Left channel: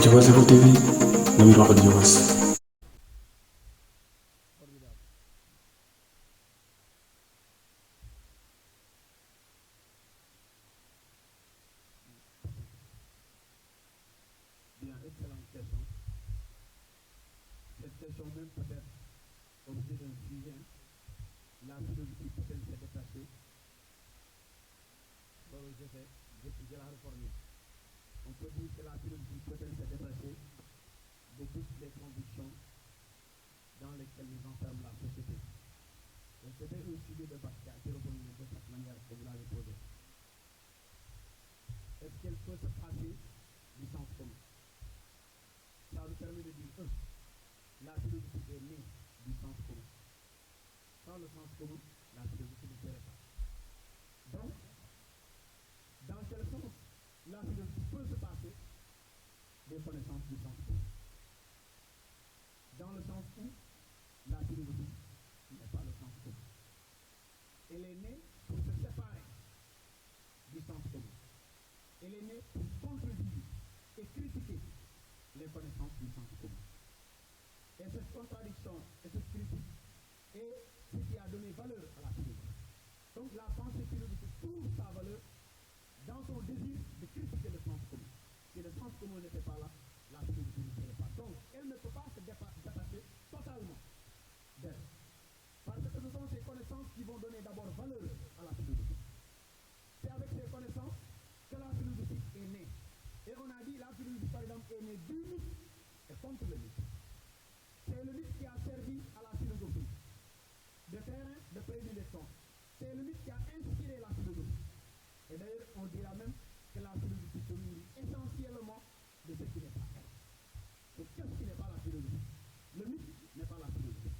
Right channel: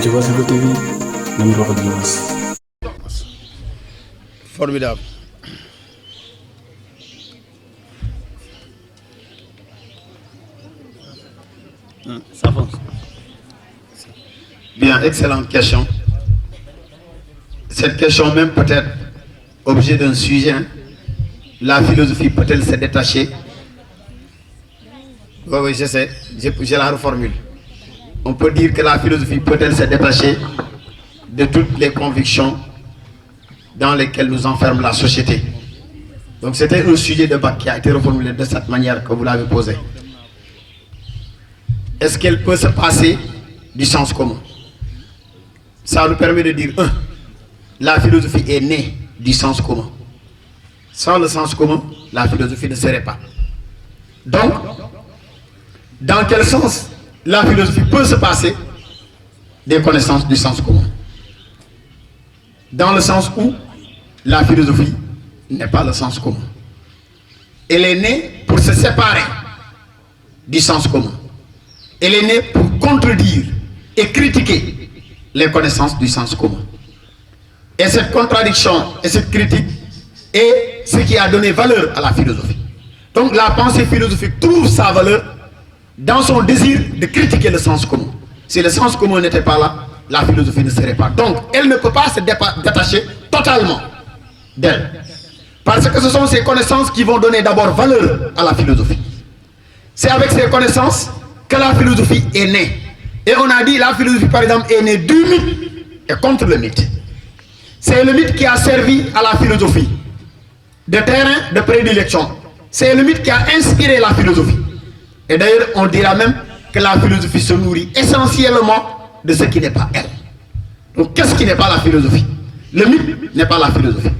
Diobass Info TV, nam di wax ak Diobass. Formidable. Ça fonce. Bien, excellente question. Cette question même peut-être objet d'un sujet. Hein. La philosophie peut-elle se détacher? Oui, je sais. Je la reformule. On peut dire que la philosophie peut-elle se détacher de toutes les convictions dans lesquelles nous enferme la société. Donc c'était un sujet de débat qui a été reformulé de cette manière que vous l'avez posé. Est-ce qu'elle peut se passer du sens commun? Ça nous permet de dire, la philosophie est née du sens commun. Sans le sens commun, la philosophie ne serait pas. Donc, dans quel sens la philosophie peut se passer des connaissances du sens commun? Dans le sens où la philosophie n'est pas le sens commun. Elle est née pour se séparer du sens commun. Elle est née pour contredire et critiquer les connaissances du sens commun. Et cette contradiction et cette critique est ce qui a donné valeur à la philosophie. Donc la pensée philosophique trouve sa valeur dans son désir de critiquer le sens commun. Si le sens commun n'était pas là, la philosophie ne serait pas. Donc elle ne peut pas se détacher totalement d'elle. Parce que ce sont ces connaissances qui vont donner d'abord valeur à la philosophie. C'est avec ces connaissances que la philosophie est née. Et on a dit la philosophie par exemple est née du mythe et contre le mythe. C'est le mythe qui a servi à la philosophie de terrain de prédilection. C'est le mythe qui a inspiré la philosophie. Et d'ailleurs on dira même que la philosophie se nourrit essentiellement de ce qui n'est pas elle. Donc qu'est-ce qui n'est pas la philosophie? Le mythe n'est pas la philosophie.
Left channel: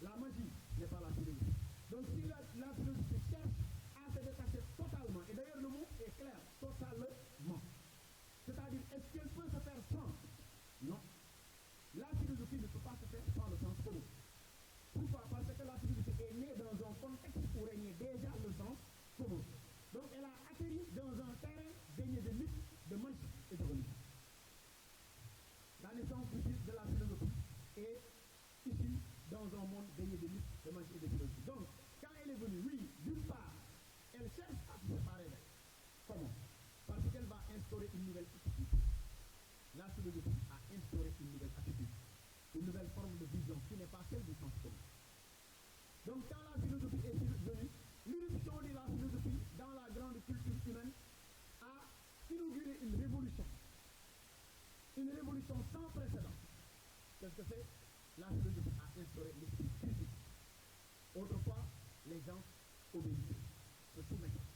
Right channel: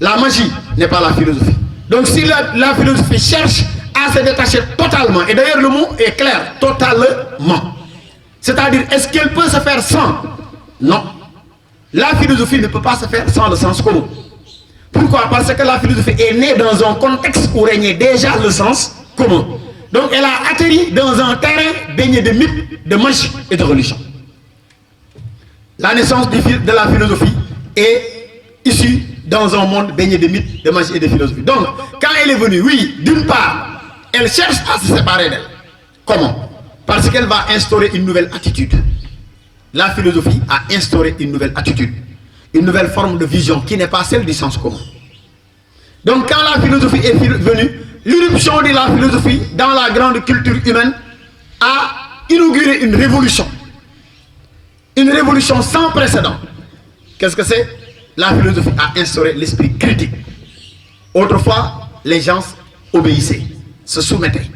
La magie n'est pas la philosophie. Donc si la philosophie cherche à se détacher totalement, et d'ailleurs le mot est clair, totalement. C'est-à-dire, est-ce qu'elle peut se faire sans? Non. La philosophie ne peut pas se faire sans le sens commun. Pourquoi? Parce que la philosophie est née dans un contexte où régnait déjà le sens commun. Donc elle a atterri dans un terrain baigné de mythes, de magie et de religion. La naissance de la philosophie est issue dans un monde baigné de mythes, de magie et de philosophie. Donc, quand elle est venue, oui, d'une part, elle cherche à se séparer d'elle. Comment? Parce qu'elle va instaurer une nouvelle attitude. La philosophie a instauré une nouvelle attitude, une nouvelle forme de vision qui n'est pas celle du sens commun. Donc, quand la philosophie est venue, l'irruption de la philosophie dans la grande culture humaine a inauguré une révolution. Une révolution sans précédent. Qu'est-ce que c'est? La philosophie a instauré l'esprit critique. Autrefois, les gens obéissaient, se soumettaient.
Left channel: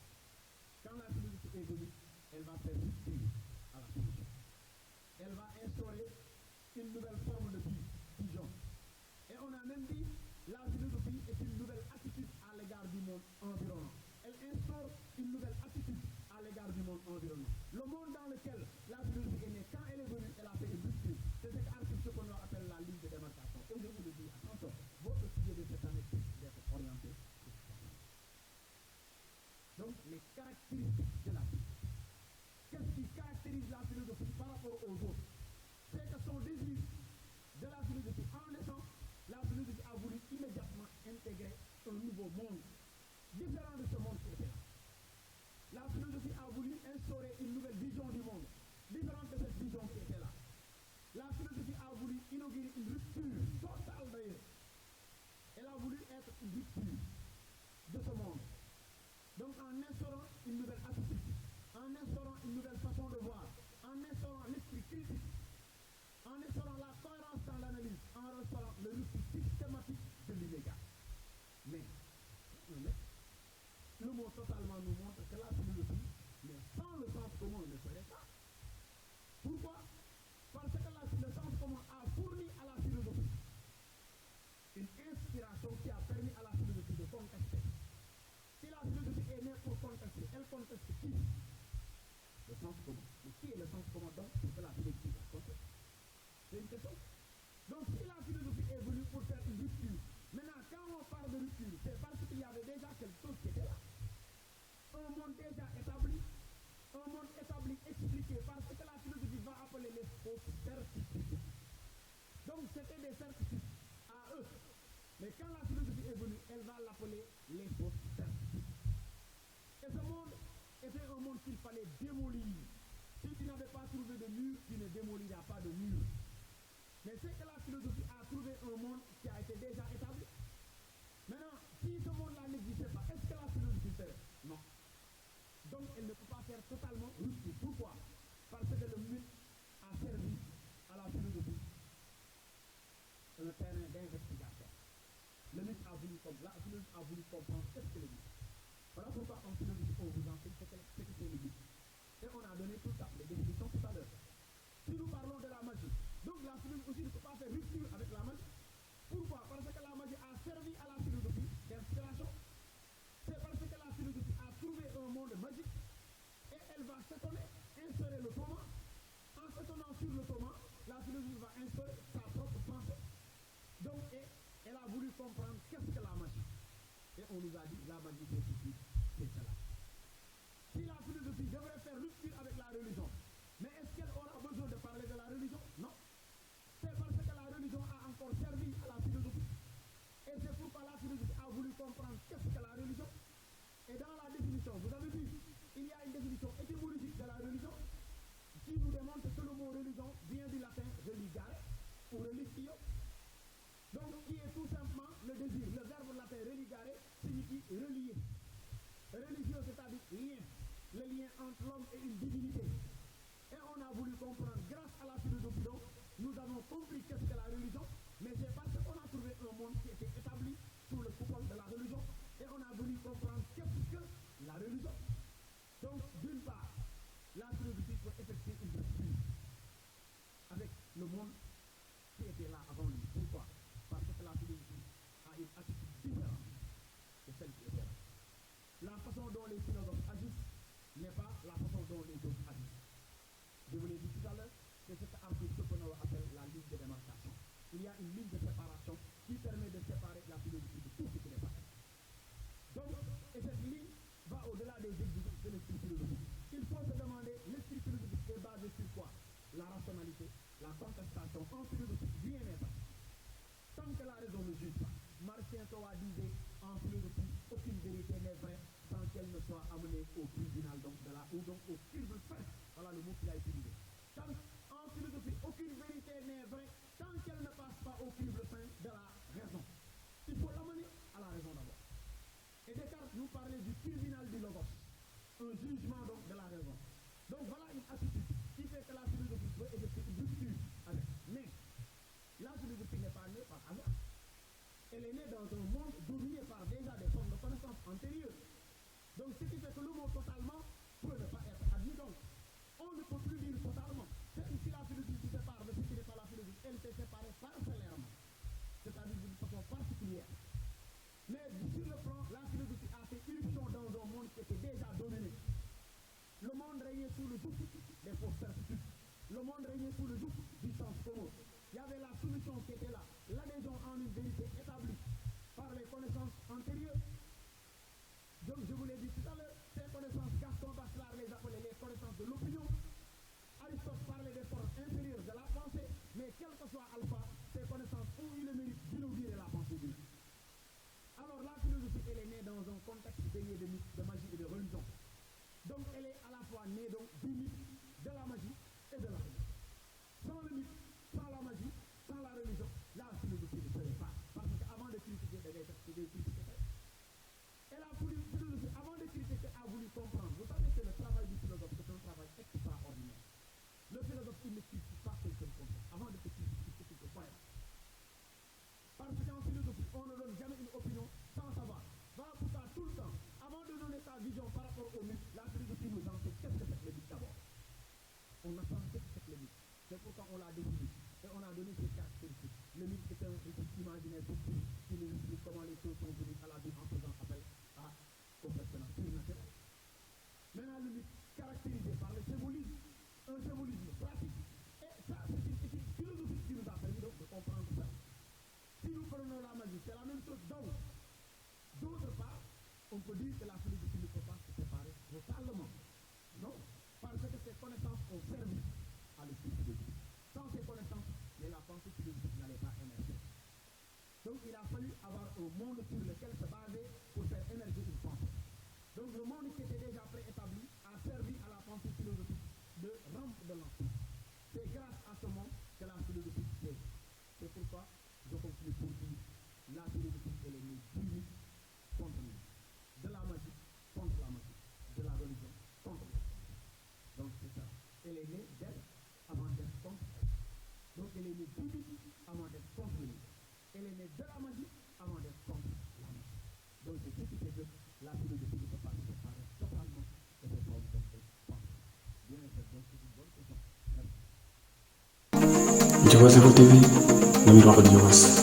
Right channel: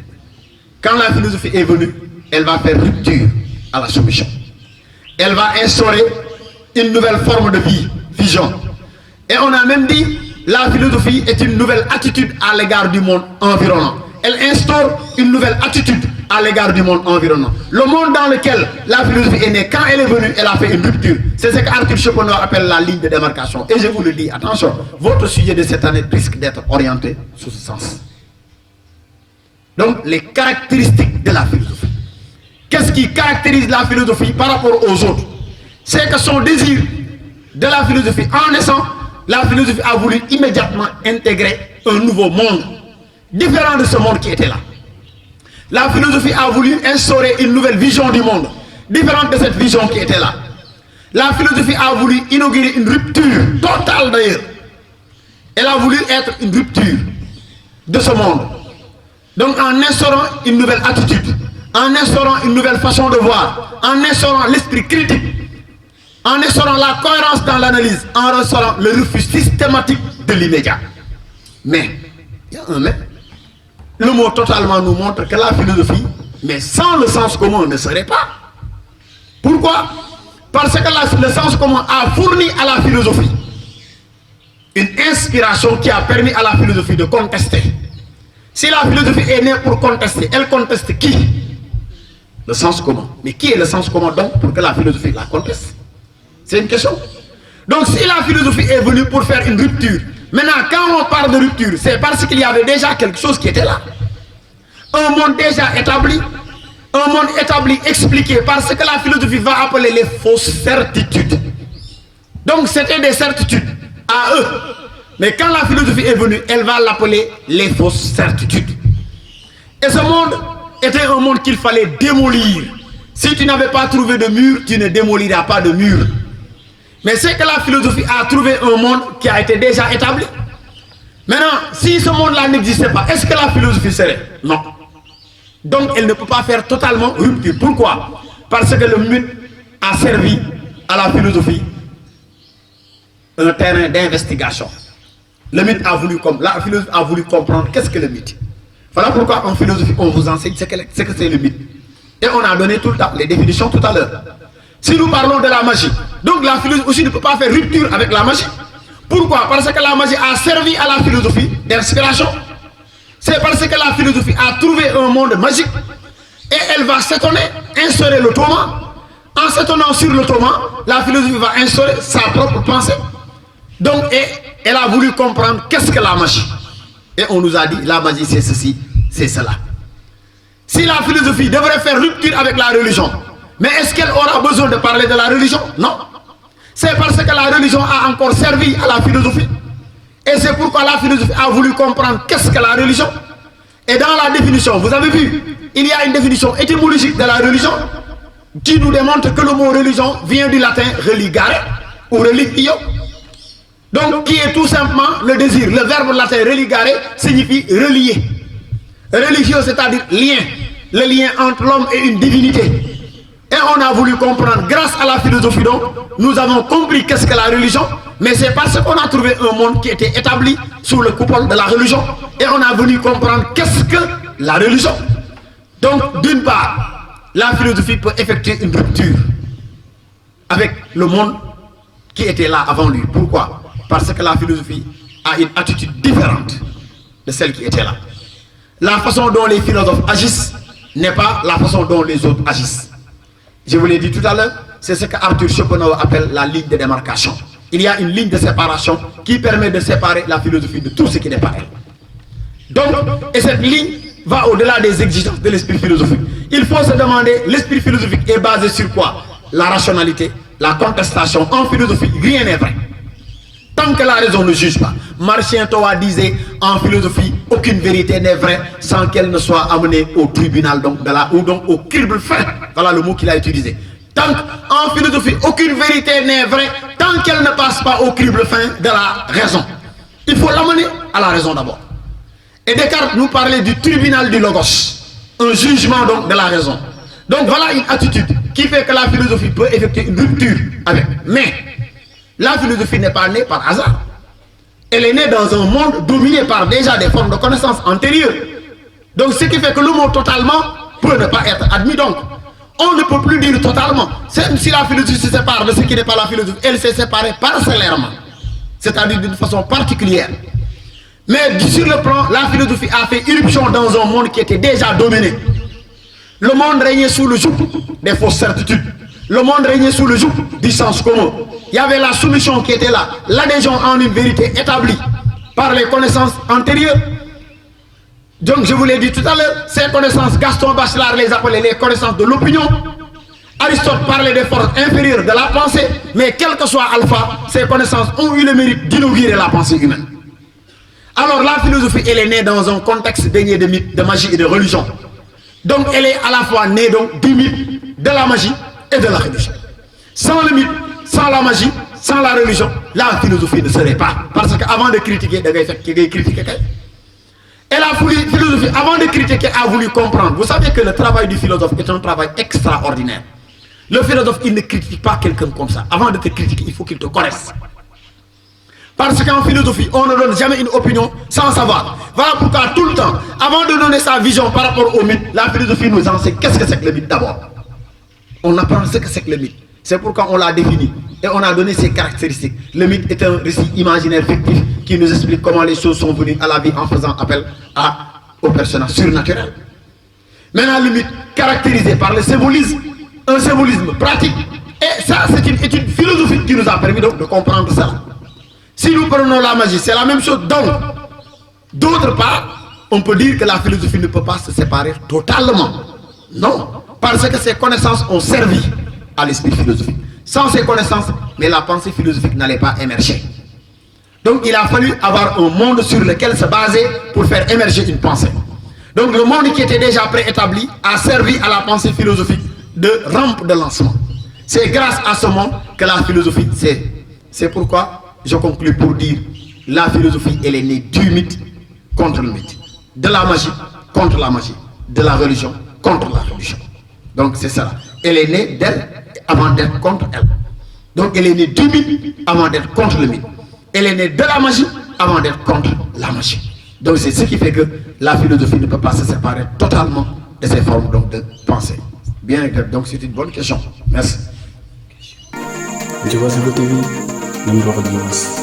Quand la philosophie est venue, elle va faire rupture à la soumission. Elle va instaurer une nouvelle forme de vie, vision. Et on a même dit, la philosophie est une nouvelle attitude à l'égard du monde environnant. Elle instaure une nouvelle attitude à l'égard du monde environnant. Le monde dans lequel la philosophie est née, quand elle est venue, elle a fait une rupture. C'est ce qu'Arthur Schopenhauer appelle la ligne de démarcation. Et je vous le dis, attention, votre sujet de cette année risque d'être orienté sous ce sens. Donc, les caractéristiques de la philosophie. Qu'est-ce qui caractérise la philosophie par rapport aux autres? C'est que son désir de la philosophie, en naissant, la philosophie a voulu immédiatement intégrer un nouveau monde, différent de ce monde qui était là. La philosophie a voulu instaurer une nouvelle vision du monde, différente de cette vision qui était là. La philosophie a voulu inaugurer une rupture totale d'ailleurs. Elle a voulu être une rupture de ce monde. Donc en instaurant une nouvelle attitude, en instaurant une nouvelle façon de voir, en instaurant l'esprit critique, en instaurant la cohérence dans l'analyse, en instaurant le refus systématique de l'immédiat. Mais, il y a un mais. Le mot totalement nous montre que la philosophie, mais sans le sens commun, ne serait pas. Pourquoi? Parce que le sens commun a fourni à la philosophie une inspiration qui a permis à la philosophie de contester. Si la philosophie est née pour contester, elle conteste qui? Le sens commun. Mais qui est le sens commun donc pour que la philosophie la conteste? C'est une question. Donc si la philosophie est venue pour faire une rupture, maintenant quand on parle de rupture, c'est parce qu'il y avait déjà quelque chose qui était là. Un monde déjà établi, Un monde établi, expliqué par ce que la philosophie va appeler les fausses certitudes. Donc c'était des certitudes à eux. Mais quand la philosophie est venue, elle va l'appeler les fausses certitudes. Et ce monde était un monde qu'il fallait démolir. Si tu n'avais pas trouvé de mur, tu ne démoliras pas de mur. Mais c'est que la philosophie a trouvé un monde qui a été déjà établi. Maintenant, si ce monde-là n'existait pas, est-ce que la philosophie serait? Non. Donc elle ne peut pas faire totalement rupture. Pourquoi? Parce que le mythe a servi à la philosophie un terrain d'investigation. Le mythe a voulu, la philosophie a voulu comprendre qu'est-ce que le mythe. Voilà pourquoi en philosophie on vous enseigne ce que c'est le mythe. Et on a donné tout le temps les définitions tout à l'heure. Si nous parlons de la magie, donc la philosophie aussi ne peut pas faire rupture avec la magie. Pourquoi? Parce que la magie a servi à la philosophie d'inspiration. C'est parce que la philosophie a trouvé un monde magique et elle va s'étonner, instaurer le tourment. En s'étonnant sur le tourment, la philosophie va instaurer sa propre pensée. Donc, elle a voulu comprendre qu'est-ce que la magie. Et on nous a dit, la magie c'est ceci, c'est cela. Si la philosophie devrait faire rupture avec la religion, mais est-ce qu'elle aura besoin de parler de la religion? Non. C'est parce que la religion a encore servi à la philosophie. Et c'est pourquoi la philosophie a voulu comprendre qu'est-ce que la religion. Et dans la définition, vous avez vu, il y a une définition étymologique de la religion qui nous démontre que le mot religion vient du latin religare ou religio. Donc, qui est tout simplement le désir. Le verbe latin religare signifie relier. Religio, c'est-à-dire lien. Le lien entre l'homme et une divinité. Et on a voulu comprendre, grâce à la philosophie, donc, nous avons compris qu'est-ce que la religion, mais c'est parce qu'on a trouvé un monde qui était établi sous le coupole de la religion, et on a voulu comprendre qu'est-ce que la religion. Donc, d'une part, la philosophie peut effectuer une rupture avec le monde qui était là avant lui. Pourquoi? Parce que la philosophie a une attitude différente de celle qui était là. La façon dont les philosophes agissent n'est pas la façon dont les autres agissent. Je vous l'ai dit tout à l'heure, c'est ce que Arthur Schopenhauer appelle la ligne de démarcation. Il y a une ligne de séparation qui permet de séparer la philosophie de tout ce qui n'est pas elle. Donc, et cette ligne va au-delà des exigences de l'esprit philosophique. Il faut se demander, l'esprit philosophique est basé sur quoi? La rationalité, la contestation. En philosophie, rien n'est vrai. Tant que la raison ne juge pas. Martien Toa disait, en philosophie, aucune vérité n'est vraie sans qu'elle ne soit amenée au tribunal, donc, ou donc au crible fin. Voilà le mot qu'il a utilisé. Tant qu'en philosophie, aucune vérité n'est vraie tant qu'elle ne passe pas au crible fin de la raison. Il faut l'amener à la raison d'abord. Et Descartes nous parlait du tribunal du logos, un jugement donc de la raison. Donc voilà une attitude qui fait que la philosophie peut effectuer une rupture avec. Mais la philosophie n'est pas née par hasard. Elle est née dans un monde dominé par déjà des formes de connaissances antérieures. Donc ce qui fait que le mot totalement peut ne pas être admis. Donc on ne peut plus dire totalement. Si la philosophie se sépare de ce qui n'est pas la philosophie, elle s'est séparée parcellairement. C'est-à-dire d'une façon particulière. Mais sur le plan, la philosophie a fait irruption dans un monde qui était déjà dominé. Le monde régnait sous le joug des fausses certitudes. Le monde régnait sous le joug du sens commun. Il y avait la soumission qui était là, l'adhésion en une vérité établie par les connaissances antérieures. Donc je vous l'ai dit tout à l'heure, ces connaissances, Gaston Bachelard les appelait les connaissances de l'opinion. Aristote parlait des forces inférieures de la pensée, mais quel que soit Alpha, ces connaissances ont eu le mérite d'inaugurer la pensée humaine. Alors la philosophie, elle est née dans un contexte baigné de mythes, de magie et de religion. Donc elle est à la fois née donc, du mythe, de la magie et de la religion. Sans le mythe, sans la magie, sans la religion, la philosophie ne serait pas. Parce qu'avant de critiquer, et la philosophie, avant de critiquer, a voulu comprendre. Vous savez que le travail du philosophe est un travail extraordinaire. Le philosophe, il ne critique pas quelqu'un comme ça. Avant de te critiquer, il faut qu'il te connaisse. Parce qu'en philosophie, on ne donne jamais une opinion sans savoir. Voilà pourquoi tout le temps, avant de donner sa vision par rapport au mythe, la philosophie nous enseigne qu'est-ce que c'est que le mythe d'abord. On apprend ce que c'est que le mythe. C'est pourquoi on l'a défini et on a donné ses caractéristiques. Le mythe est un récit imaginaire fictif qui nous explique comment les choses sont venues à la vie en faisant appel aux personnages surnaturels. Maintenant, le mythe caractérisé par le symbolisme, un symbolisme pratique. Et ça, c'est une étude philosophique qui nous a permis donc de comprendre cela. Si nous prenons la magie, c'est la même chose. Donc, d'autre part, on peut dire que la philosophie ne peut pas se séparer totalement Non, parce que ces connaissances ont servi à l'esprit philosophique. Sans ces connaissances, mais la pensée philosophique n'allait pas émerger. Donc il a fallu avoir un monde sur lequel se baser pour faire émerger une pensée. Donc le monde qui était déjà préétabli a servi à la pensée philosophique de rampe de lancement. C'est grâce à ce monde que la philosophie, c'est pourquoi je conclue pour dire la philosophie, elle est née du mythe contre le mythe, de la magie contre la magie, de la religion contre la religion. Donc c'est ça. Elle est née d'elle avant d'être contre elle. Donc elle est née du mythe avant d'être contre le mythe. Elle est née de la magie avant d'être contre la magie. Donc c'est ce qui fait que la philosophie ne peut pas se séparer totalement de ces formes donc, de pensée. Bien, donc c'est une bonne question. Merci. Diobass Info TV, Namdi wax ak Diobass.